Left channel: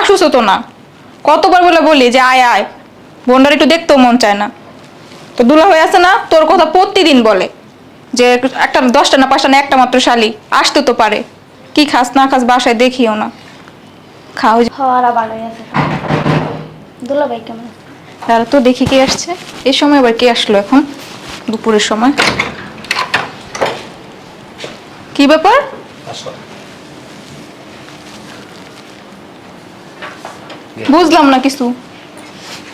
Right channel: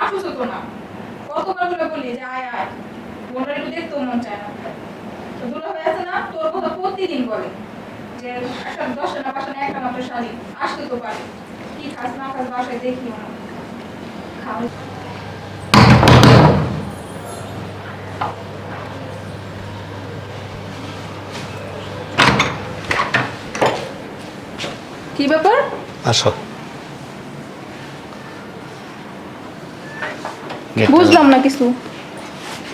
Asus তো না। কতবার বলে বলি যে আয় আয়। বোনটার একটু দেখতেও মন চায় না। তো দুলা হয়ে আছে না তোর কথা প্রতিদিন বলে যে একটা দশটা না পাঁচটা না একটা মাত্র শালি। আসতে তো পারে। কি খাস না খাস বাসায় দেখিও না। খাও খাওয়ারা বাগাই আছে। দুলাভাই কেমন? তারা তো দেখি কে আসছে। এই সময় আবার কে আসলো এখন? দুপুরের সময়। কি ব্যাপার? আসো। বুঝলাম না কিছু।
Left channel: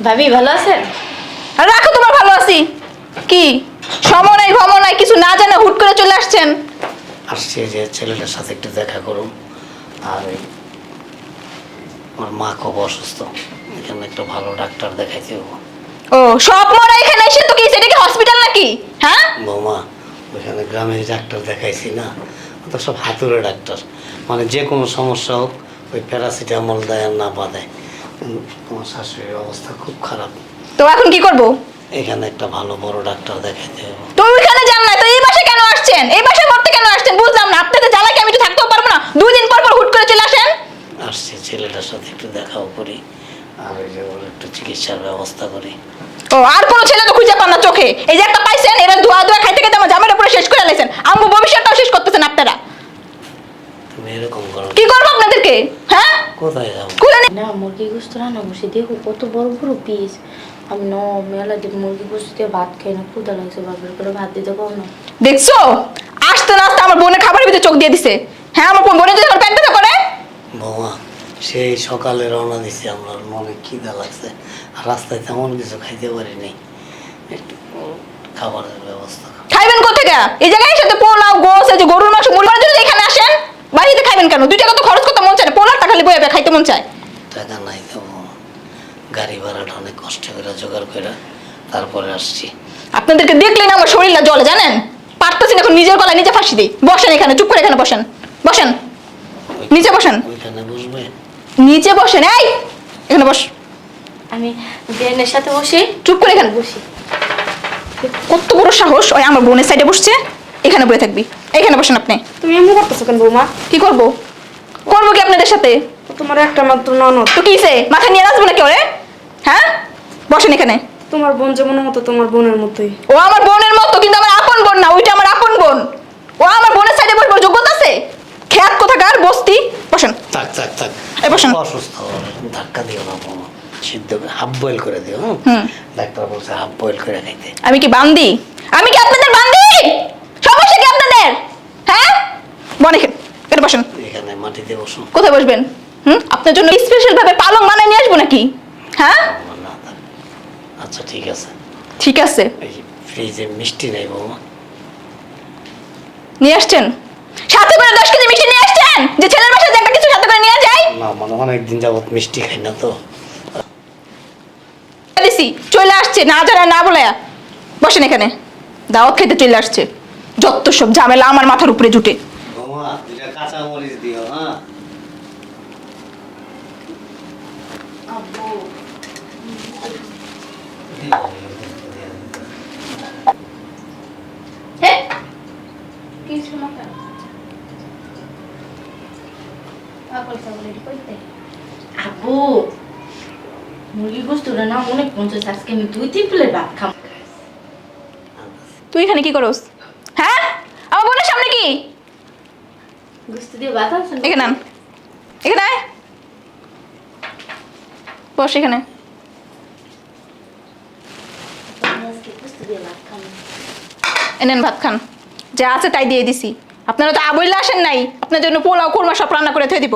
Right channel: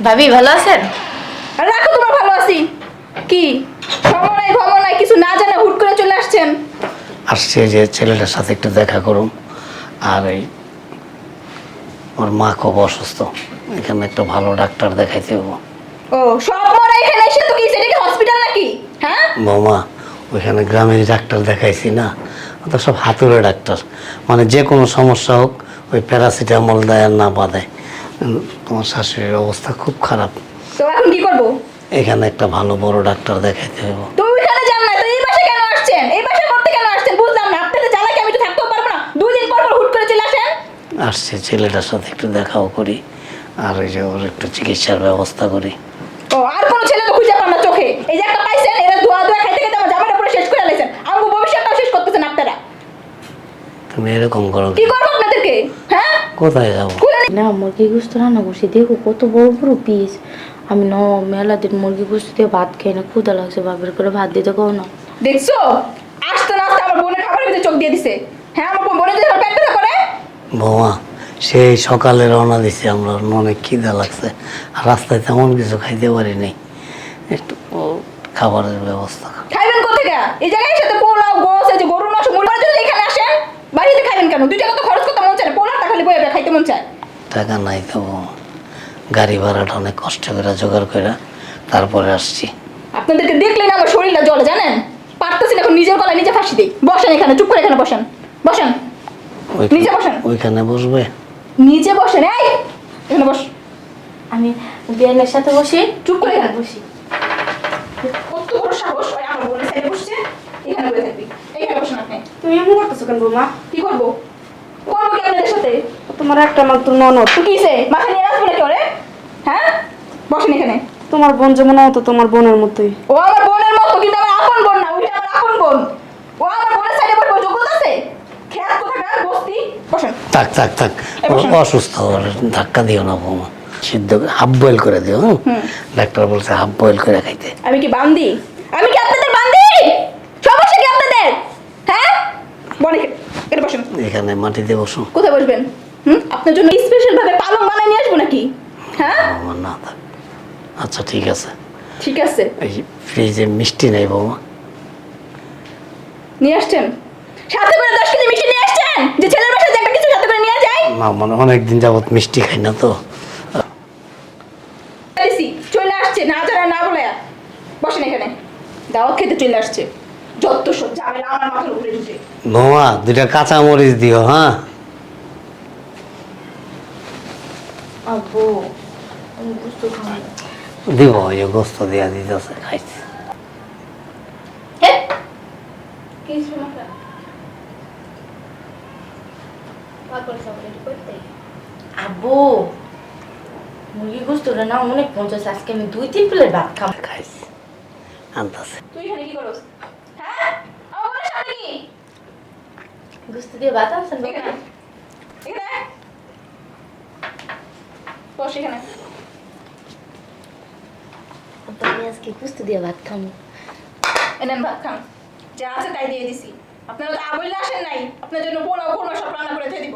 ভাবি ভালো আছেন? আর রাখো তোমার ভালো আছি। কি? সময় নাই ভ্রমণ নাই কিছু না জানা হুট করে চলে আসছেন। আসছে যে ছেলেটার সাথে একটু দেখা করুন। আর এই ওর মা খুব অসুস্থ। এখানে একটা ভালো ডাক্তার দেখাইতে হব। ও সব মনে এখানে এসে তো কি সেটা কি হসপিটাল নাকি? হ্যাঁ? বৌমা ওইখানে গ্রামের ডাক্তার দেখাইছি না? ওটা সব হাতুড়ে ডাক্তার। মানে যে কোনো সমস্যা হোক ওই প্যারাসিটামল দেয় আর না বাঁধে। উম, তোমার শাশুড়ির অবস্থা খুব খারাপ। তো এখন কি করব? এখানে একটা ভালো বড় ডাক্তার দেখাইতে হব। তো ওইখানে যান না তো এই কেন আসছেন? এই করতে কেন আসছেন? বুঝলাম না আপনাকে জ্বালাকে আমি তো থাকতেও পারব না? দুই দিন পর পর হুট করে চলে আসেন। আসছে ছেলেটার সাথে একটু দেখাও করি আর ওই যে ওর একটু চিকিৎসার ব্যবস্থা করি। ও আর কোনো ছেলে তো খুঁজে পান না চোখে। এই যে একটা পাইছেন এবার ধোয়া ধোয়া খাইতে খাইতে আমার জামাইটা পুরো শেষ করে লেছেন আমার ভবিষ্যৎটাও শেষ করতেছেন আপনারা। তুমি এরকম করো কি করব আপনাদেরকে? হ্যাঁ? কোথায় যাব? নি- মুরগি গোস্ত রান্না করছি। দেখো কত বড় বড় পিস আমি ন মেলা দিন মুরগি গোস্ত দিয়ে ভাত খাই না ক্ষুদা লাগছে বাপের করে ভাত দিতে কও না। দেখছ? আসতে না আসতে আমার বোনের খাবারের ভিতরে চোখ দিয়ে দিছে। হ্যাঁ আমার বোন- বোনের যদি আমার পেট ব্যথা করে বৌমা সেই সকালে রওনা দিছি আমরা মনে খিদা লাগছে। রাস্তায় তেমন কিছু খাইতে পারি নাই। একটু খাবারের ব্যবস্থা। খাইবেন কোথেকে এই জায়গায় সাথে পোলাও গোস এই যে গরুর মাংস মুরগির যদি এখানে আসেন বাড়িতে খাইবেন কেন? দুই টাকা তো খরচ করতে মন চায় না। পোলারটা খালি বয়ে খাইতে মন চায়। টাকা নাই তো গাড়ি ভাড়াটা অনেক কষ্ট করে জোগাড় করে তারপরে আসছি। আপনাদেরকে দেখলেন আমার শরীর না জলে জানেন? পারতেছেন এখন নিজের গলায় নিজে ফাঁসি দিই। বসেন এখানে চুপ করে এখানে বসেন। বসেন। নিচে বসেন। ওইখানে বসবে? নিচে বসেন এই! এখানে বস। আমি বিয়ানের সাথে বসে। চুপ করে এখানে। বসি। কত বড় সাহস ওই আমার বোনের সাইডে বসছে। এখানে বসে থাকবি। এখানে বসেন আপনি। তুমি এমনি করতেছো কেন বৌমা? কি করব? করব কি আপনাদের সাথে? তোমার একটা মাত্র ননদ। তো কি হইছে? মাথা নিয়ে আসব নাকি ওরে? হ্যাঁ? বসেন এখানে। তোমার বোন যেমন হতো তোমার বোনের মতোই। ও আমার বোনের মতো কিন্তু আমার আপন বোন না ওইটা আমার আপন বোন। ও আমার বোনের সাইডে বসবার যোগ্যতা আছে? খেয়াত কোথাকার বস্তি? বসেন। থাক থাক থাক। বসুন। অসুস্থ ধাক্কা দিও না বৌমা সিদ্ধ হাফ বয়েল করে দিও হুম? ডাক্তার বলছে হাফ বয়েল করে খাইতে। আমি কি বান্দি? আমি কি আপনাদের বান্দি? সমস্যা কি আপনাদের? হ্যাঁ? বনে এখানে বসেন। এখানে মাটিতে বসো। কোথায় বসবেন? হুম? আপনার জন্য স্পেশাল ভাবে পালং নিয়ে আসব নাকি? হ্যাঁ? আমার না থাক আচ্ছা ঠিক আছে। ঠিক আছে। এই ফ্রিজে মিষ্টি নেই বৌমা। নিয়ে আসছেন? সাথে করে দশ কেজি মিষ্টি নিয়ে আসছেন? যে ছেলের বাসায় যে একটা কিছু সাথে করে নিয়ে যায়? না মানে অনেকদিন যাবত মিষ্টি খাই না তো। দিছি চলে আসছে না জানা না বলে। বসেন এখানে। দাওয়াত খেতে চলে আসছে। যত সব ঝামেলা আমার মাথার উপরে জুটে। বৌমা দুইটা কাঁচা মরিচ দিও হ্যাঁ আব্বু দিব ওই যে গোস্ত দিয়া দিতেছে খাইতে কিছু মুরগি গোস্ত না অনেক পঞ্চাশ আজকে আমি দুই তিন প্লেট ভাত খাব তুই এখানে কি করস হ্যাঁ আমার বোনের সামনে কি গোস্ত দিয়ে ভাত আনছেন এখানে এখানে বস এখানে। এনেন ভাত খান। যা আছে তাই দিয়ে দিছি। আপনারা তো আবইলে আসেন নাই। আপনার জন্য পোলাও কোরমা সব রান্না করে থয়ে দিব।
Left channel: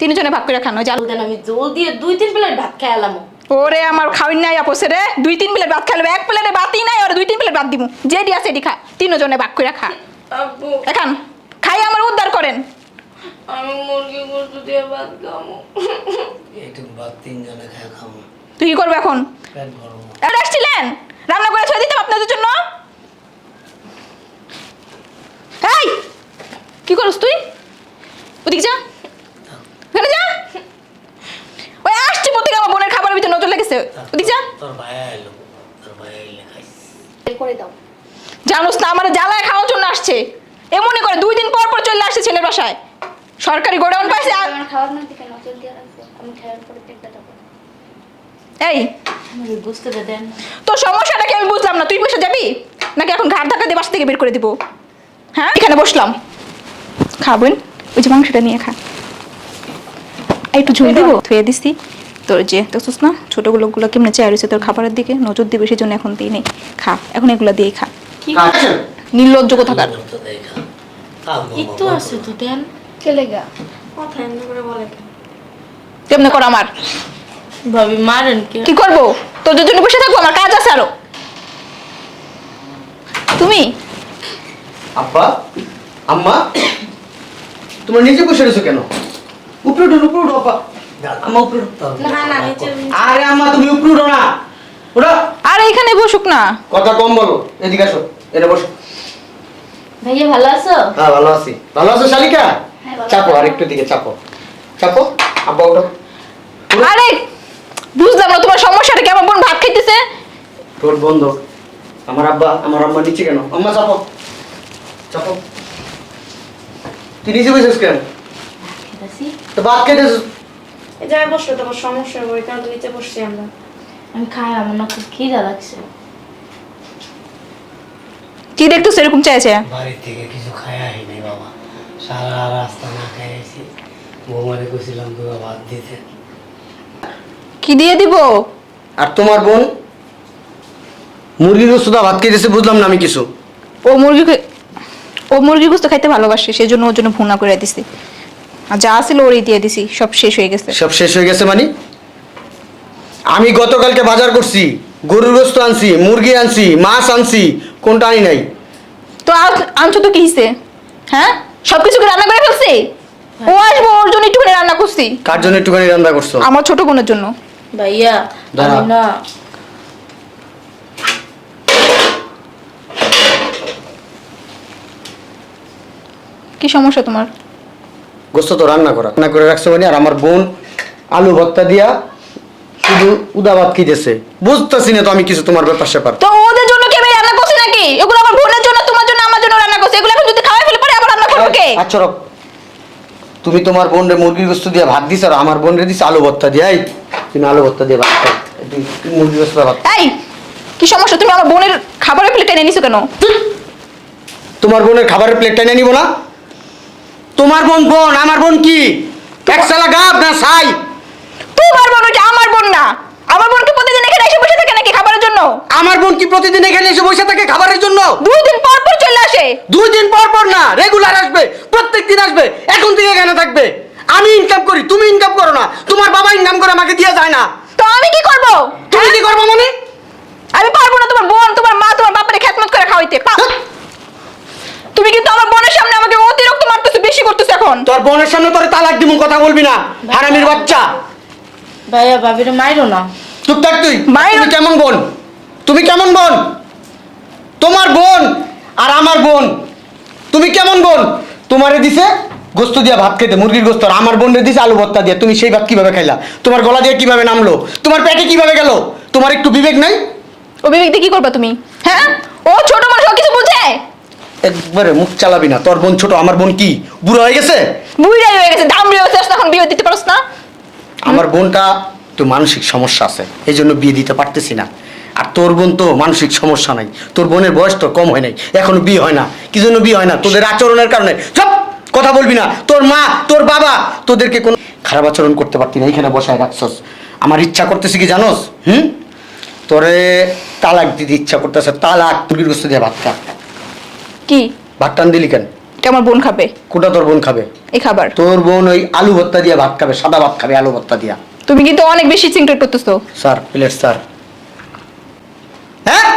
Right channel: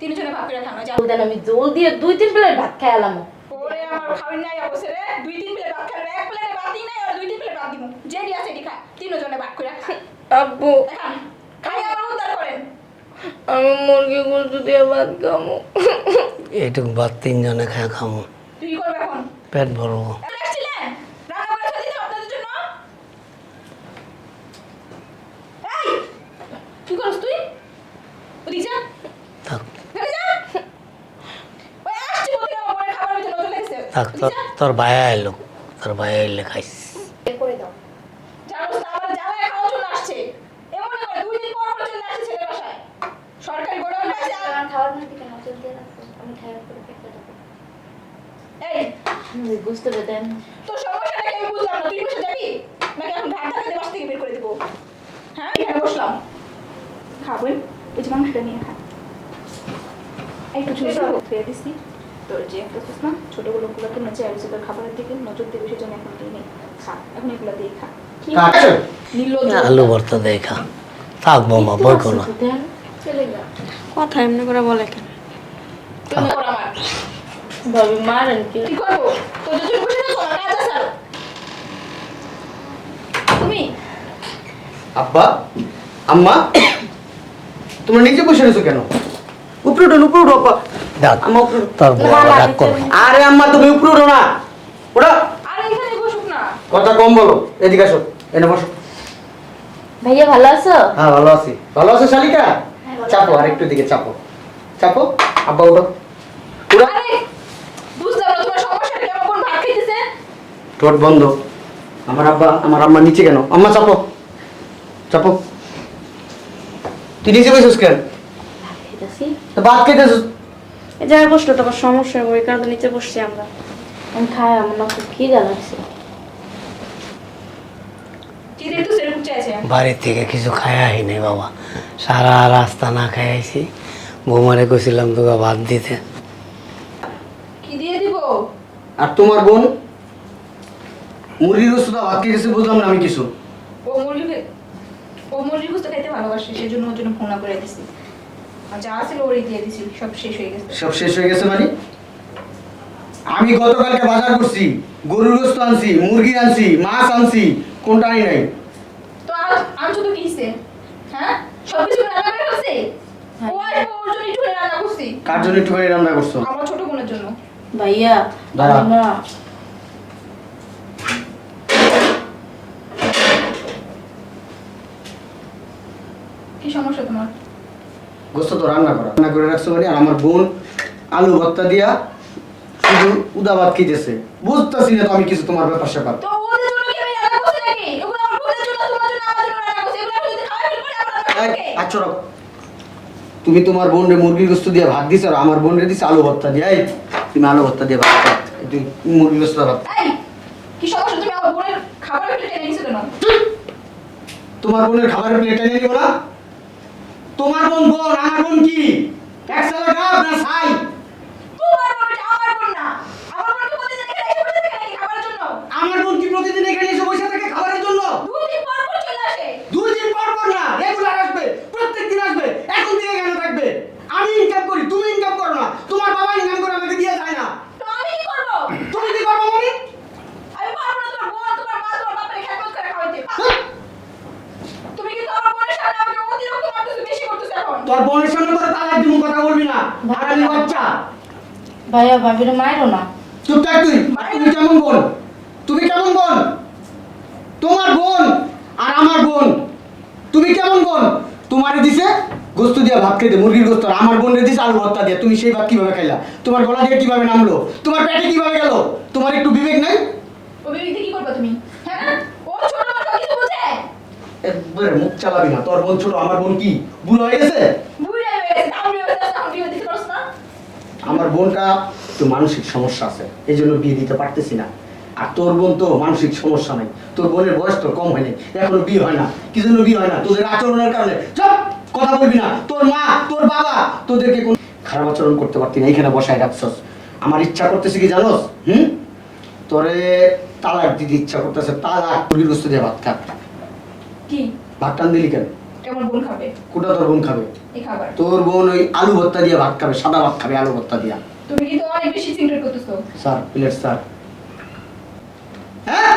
তিনজনে ভাগ করে খান ওই জাল দেন আমি জল দিয়ে দুই তিন প্লেট ভাত খেয়ে এলাম। ওরে আমার খাওয়াই নাই আপসে রে। দুই তিন প্লেট ভাত খাইলে এক প্লেটে ভাতই নাই আর দুই তিন প্লেট ভাত দিব যেডি আছে এডি খা। তিনজনে ভাগ করে খা। আব্বু। এখন খাই আমার উদ্ধার করেন আমি মুরগি গোস্ত দিয়ে ভাত খাব এইটুকু ভাত তিনজনে খায় খামো। তুই কি করবে এখন? পেট ভরবো। এখন আসছিলেন? রান্না করে ছয় দিতাম আপনাদের জন্য। এই! কি করস তুই? ওদিকে যা। থাক। এখানে যা। ওই আসছি বলতে আমার বোনের খাবারের ভিতরে নজর লেগেছে। থাক ওদিকে যা। তোর- তোর ভাইয়া এলো। তোর ভাইয়া এলে খাইস। করে দাও। জানোস না আমার জ্বালায় খাওয়ার জন্য আসছে। এমনই করে দুই দিন পর পর চলে আসছে ছেলের বাসায়। সরকারি গোডাউন পাইছে আর- এই। আমাকে বুঝতে দেন তোর সমস্যাটা কি আমি বুঝলাম না তুই বসে যাবি? নাকি এখন ঘাট ধাক্কা দিয়ে বাসা থেকে বের করে দিব? হ্যাঁ? এখানে বসলাম। খাবেন ওই যে মাংসটা নিয়ে খা। একটু ঝুল দিব? ধুয়ে দিছি। তোর যে দেখছিস না ছোটোগুলো গুলো কেমনে চেয়ার রয়েছে তোর খাবারের দিকে? নজর দিবে সেই জন্য এখন দিই নেই। খা এখন এগুলো দিয়ে খা। কি নির্লজ্জ কোথাকার ভর্তা দেখা থাক বাবা একটু ভয় আছে করো তো না। দেন কে লেগা? কথা এমনি করে বলে কেন কেমনে কর আমার? ভাবি মারেন কি? কি করব? তোদের জন্য বসে থাকব আমার কাজ আছে আরও। তুমি? আব্বা আম্মা তোমরা নিচে বসে রয়েছো কেন? উপরে উঠুন উপরে উঠো আব্বা। ডাক আম্মা উপরে উঠো। তোর বউ না, না, ডাক করো। আরে আম্মা তুমি উপরে উঠো না। উঠো। আর এখানে বসুক না। কথা কম বলো এদিকে আসো এনে বসো। ভাইয়া ভালো আছো? হ্যাঁ ভালো আছি। ভালো আছো শালিকা? চাপো আর একটু দিকে চাপো। চাপো আব্বা উঠো। আরে বুঝলাম না তোমার সমস্যাটা কি? আমার বোন ভাত খাইতেছে। ঠোঁট বন্ধ। আমার আব্বা আমার আম্মা নিচে কেন? আম্মা চাপো। চাপো। তুই নিচে বসেছিস কেন? তো ভাত খেতেছিস এই জায়গায় বসল তোমার সমস্যা ওই কারণে নিচে বসছি আমরা। আমি খাই আমার না খুব খিদা লাগছে। কি দেখতেছো এরকম চাইছে বাড়ির থেকে কিছু খায় আইনি বাবা। সারা রাস্তা না খাই আইছি। বৌমারে গেছিলাম তোকে ভাত দিতে। কি দিয়ে দিব? আর তোমার বোন? মুরগির সুদা ভাত খেতেছে বুঝলাম না আমি কিছু। ও মুরগি খে- ও মুরগি গোস্ত খাইতে ভালোবাসে সেই জন্য ওর জন্য ভুনা করে দিছি। আর যা ছিল ওরই দিয়ে দিছি সব শেষ হয়ে গেছে। সব শেষ হয়ে গেছে মানে? আমি গতকালকে বাজার করছি গরুর গোস্ত আনছি মুরগি আনছি মাছ আনছি কোনটা আনি নাই। তো আজ- আনছো তো কি হিসে হ্যাঁ? সব কিছু রান্না করে ফেলছি? ও আসব ওর জন্য একটুখানি রান্না করছি। কার জন্য একটুখানি রান্না করছ? আমার ছোট বোনের জন্য। ভাইয়া না। কি সমস্যা তোমার? গোস্ত তো রান্না করা। রান্না করে রাখছো মানে আর আমার বোন আলু ভর্তা দিয়া শুধু উদা ভাত খেতেছে বুঝতেছি না তো আমি কিছু তোমার ব্যাপার স্যাপার তো ওদের জন্য কি আমি রান্না করছি নাকি এগুলো আমার বোনের জন্য তোমার জন্য আমার জন্য রান্না করছি। এগুলো এখন যদি খাওয়াই ফেলে পরে আবার রান্না করব কে? আচ্ছা রব। তুমি তোমার বোন রে মুরগির গোস্ত দিয়ে ভাত দিছ আর আমার বোন রে দিছ আলু ভর্তা দিয়ে এই তুমি আলু ভর্তা দিয়ে ভাত খাও। মুরগির গোস্ত ভাত এই কি সমস্যা? তুমি আমার বোনের খাবারের প্লেট টেনে নিছো কেন? তোমার বোনের খাবারের প্লেট টেনে নিব না? তোমার বোন বোন আমার বোন কি? এক সালা গাব না সাই তোমার বোন ওইটা আমার বোন না। আমার বোনকে প্রতিদিন এখানে এসে বসে থাকে নাকি খাবারের জন্য আমার বোন কি প্রতিদিন এখানে এসে বসে থাকে খাবারের জন্য? দুই দিন পর পর চলে আসে। দুই দিন পর পর না রেগুলার আসবে প্রত্যেক দিন আসবে এখন থেকে এখানে থাকবে। আমি ইনকাম করি তুমি ইনকাম করো না তোমার বাবা ইনকাম করে আমাকে দিয়ে যায় না। তো আমি কি করব? তুমি কি করব মানে আমি পারব না তোমার বোন তোমার মা তোমার বাপের খেতমত করে খাওয়াইতে। পা- তুমি কিন্তু আমার বোনের সামনে আমাকে অতিরিক্ত মারতেছো বেশি করতেছো এখন। তোর বোনের সামনে তোর তালাক দিব কথা বলবি না হারামির বাচ্চা। ভাইয়া ভাবিরে মাইরো না। চুপ থাক তুই তুমি কেমন বোন? তুমি কেমন বোন? তোমার বোন আর আমার বোন। তুমি কেমন বোন? তোমারে দিছে গোস্ত দিয়ে ভাত খেতে মুরগির গোস্ত আর আমার বোন দিছে আলু ভর্তা দিয়ে। তুমি সেই ভাত কীভাবে খাইলা? তোমার গলা দিয়ে কীভাবে নামলো? তোমার পেটে কীভাবে গেল? তোমার একটু বিবেক নাই? ও বিবেক দিয়ে কি করবা তুমি? হ্যাঁ? ও ছোট মানুষ কিছু বুঝে? একবারে মুখ চালাবি না। তোর বোন ছোট আমার বোন কি? বুড়ো হয়ে গেছে? বুড়াই হয়ে গেছে দাম হয়ে গেছে এখন বিয়ে দিতে পারছ না? আমার বোনটা তো মানসিক সমস্যা আছে এই জন্য বিয়ে দিতে পারতেছি না। আর তোর বোন তো মানসিক সমস্যা নাই। তোর বোনের বয়স তো কম হয় নাই। এখনও বিয়ে হয় না। কি জন্য বিয়ে হয় না? তোদের আচরণের কারণে। সব কথা বলবি না। তোর মা তোর বাবা তোদেরকে কোন খারাপ আচরণ করতে পারতি না। এইখানে বসায় রাখছস। আমার ইচ্ছা করতেছে কি জানোস? হুম? তোরে তালাক দিতে ইচ্ছা করতেছে। তালাক মুরগির গোস্ত দিয়ে ভাত খা। কি? ভাত টান দিলি কেন? এটা আমার বোন খাবে। কোটা তোর বোন খাবে? এই খাবার। তোর বোন ওই আলু ভর্তা দিয়ে ভাত খাবে সাদা ভাত খাবে আলু ভর্তা দিয়া। তুমি কিন্তু অনেক বেশি চিন্তা করতেছো। Sir plate sir. হ্যাঁ?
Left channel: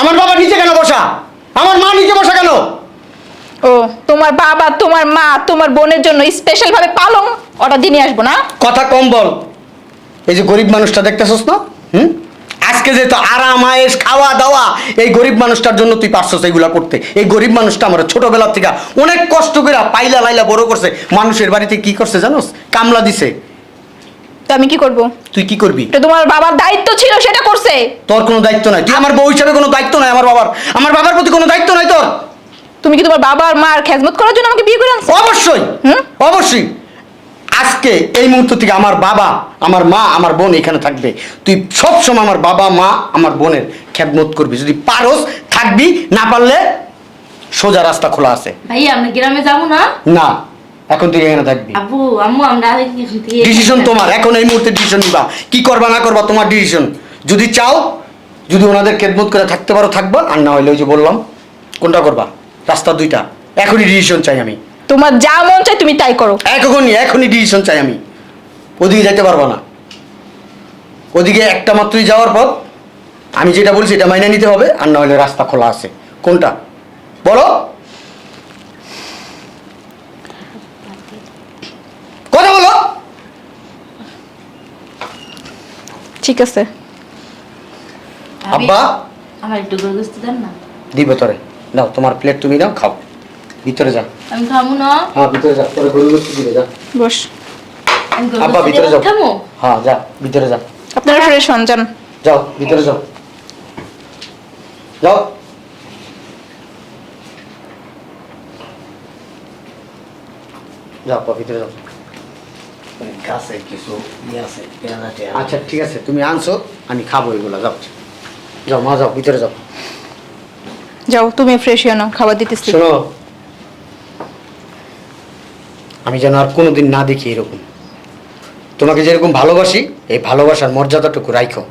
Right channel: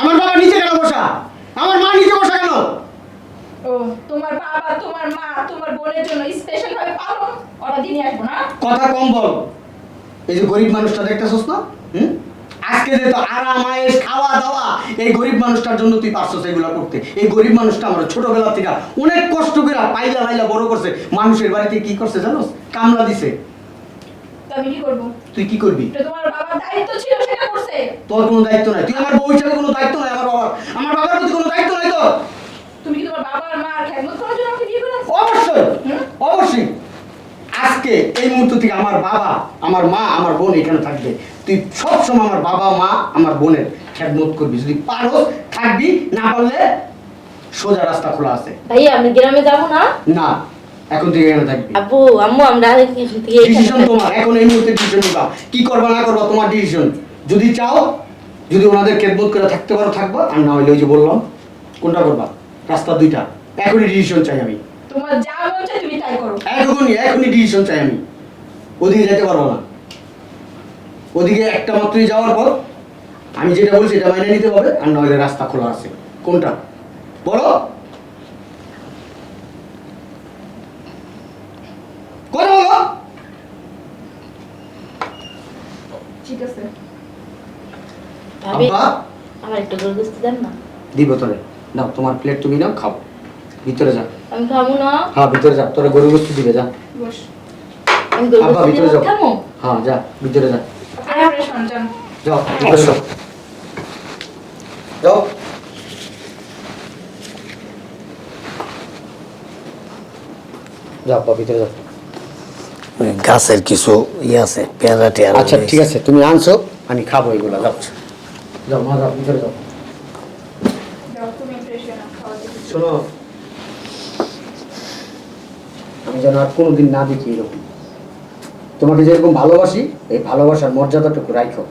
আমার বাবা নিচে কেন বসা? আমার মা নিচে বসা কেন? ও তোমার বাবা তোমার মা তোমার বোনের জন্য স্পেশাল ভাবে পালং অর্ডার দিয়ে নিয়ে আসব না? কথা কম বল। এই যে গরিব মানুষটা দেখতেছস না? হুম? আজকে যে তো আরাম আয়েস খাওয়া দাওয়া এই গরিব মানুষটার জন্য তুই পারছস এইগুলা করতে। এই গরিব মানুষটা আমার ছোটবেলা থেকে অনেক কষ্ট করে পাইলা লাইলা বড় করছে। মানুষের বাড়িতে কি করছে জানোস? কামলা দিছে। তো আমি কি করব? তুই কি করবি? এটা তোমার বাবার দায়িত্ব ছিল সেটা করছে। তোর কোনো দায়িত্ব নাই। তুই আমার বউ হিসাবে কোনো দায়িত্ব নাই আমার বাবার। আমার বাবার প্রতি কোনো দায়িত্ব নাই তোর। তুমি কি তোমার বাবার আর মার খেজমত করার জন্য আমাকে বিয়ে করে আনছো? অবশ্যই। হুম? অবশ্যই। আজকে এই মুহূর্ত থেকে আমার বাবা আমার মা আমার বোন এখানে থাকবে। তুই সবসময় আমার বাবা মা আমার বোনের খেদমত করবি। যদি পারস থাকবি না পারলে সোজা রাস্তা খোলা আছে। ভাইয়া আমরা গ্রামে যাব না? না। এখন তুই এখানে থাকবি। আব্বু আম্মু আমরা আরেক এখান থেকে ডিসিশন তোমার এখন এই মুহূর্তে ডিসিশন নিবা। কি করবা না করবা তোমার ডিসিশন যদি চাও যদি ওনাদের খেদমত করে থাকতে পারো থাকবা। আর না হলে ওই যে বললাম কোনটা করবা? রাস্তা দুইটা। এখনই ডিসিশন চাই আমি। তোমার যা মন চায় তুমি তাই করো। এখনই এখনই ডিসিশন চাই আমি। ওদিকে যেতে পারব না। ওদিকে একটা মাত্রই যাওয়ার পর আমি যেটা বলছি এটা মাইনে নিতে হবে। আর না হলে রাস্তা খোলা আছে। কোনটা? বলো কথা বলো ঠিক আছে। আব্বা? আমার একটু গরু গোস্ত দেন না। দিব তোরে। নাও তোমার প্লেট তুমি নাও খাও। ভিতরে যা। আমি খাব না। হ্যাঁ ভিতরে যা তোরে গরু দিবে যা। বস। আব্বা ভিতরে যাও। খাব হ্যাঁ যা ভিতরে যা। আপনারা ফ্রেশ হন যান। যাও ভিতরে যাও। যাও। যাও আব্বা, ভিতরে যাও। গাছের কিছু ইয়ে আছে পেয়ারা টেয়ারা আচ্ছা ঠিক আছে তুমি আনছো আমি খাব এগুলো যাও। যাও মা যাও ভিতরে যাও। যাও তুমি ফ্রেশ হয়ে নাও খাবার দিতেছি। শোনো আমি যেন আর কোনোদিন না দেখি এরকম। তোমাকে যেরকম ভালোবাসি এই ভালোবাসার মর্যাদাটুকু রাখো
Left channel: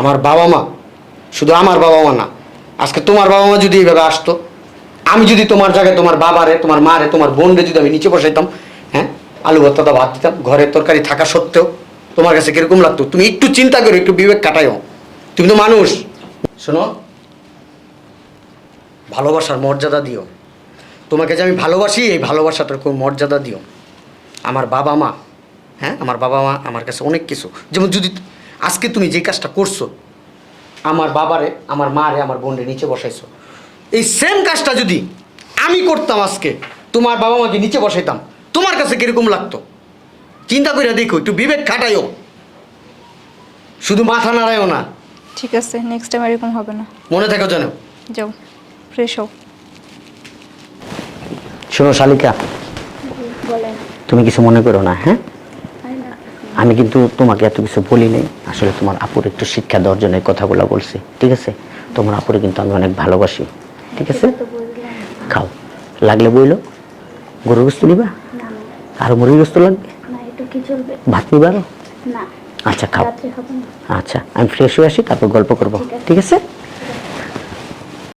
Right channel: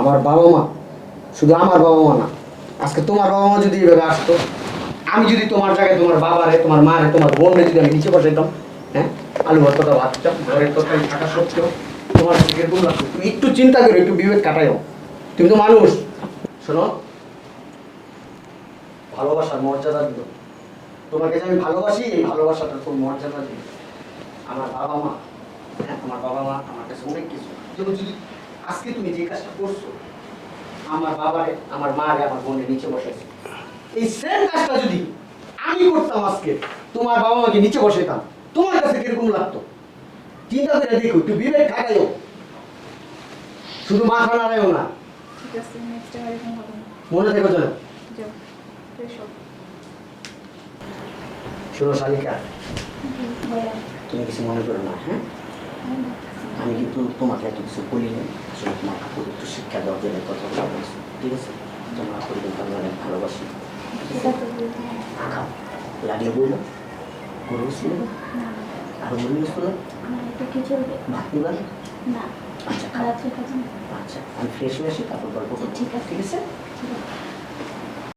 আমার বাবা মা শুধু আমার বাবা মা না আজকে তোমার বাবা মা যদি এইভাবে আসতো আমি যদি তোমার জায়গায় তোমার বাবারে তোমার মারে তোমার বোনরে যদি আমি নিচে বসাইতাম আলু ভর্তাটা ভাত দিতাম, ঘরের তরকারি থাকা সত্ত্বেও। তোমার কাছে কীরকম লাগতো? তুমি একটু চিন্তা করো, একটু বিবেক কাটাইও তুমি তো মানুষ। শোনো, ভালোবাসার মর্যাদা দিও। তোমাকে যে আমি ভালোবাসি, এই ভালোবাসাটার খুব মর্যাদা দিও। আমার বাবা মা হ্যাঁ আমার বাবা মা আমার কাছে অনেক কিছু। যেমন যদি আজকে তুমি যে কাজটা করছ, আমার বাবারে, আমার মারে, আমার বোনের নিচে বসাইছো। এই সেম কাজটা যদি আমি করতাম আজকে, তোমার বাবা মাকে নিচে বসাইতাম তোমার কাছে কীরকম লাগতো? চিন্তা করে দেখো একটু বিবেক কাটাইও শুধু মাথা নাড়াইও না। ঠিক আছে নেক্সট টাইম এরকম হবে না। মনে থেকো যেন। যাও ফ্রেশ হও। শোনো শালিকা। তুমি কিছু মনে করো না হ্যাঁ? আমি কিন্তু তোমাকে এত কিছু বলি নাই। আসলে তোমার আপুর একটু শিক্ষা দেওয়ার জন্য এই কথাগুলো বলছি ঠিক আছে? তোমার আপুরে কিন্তু আমি অনেক ভালোবাসি ঠিক আছে? খাও। লাগলে বইলো। গরুর বস্তু নিবা? আর মুরগির বস্তু লাগবে? ভাত নিবা? আচ্ছা খাও। খাব আচ্ছা আমি ফ্রেশ হয়ে আসি তারপর গল্প করব। ঠিক আছে?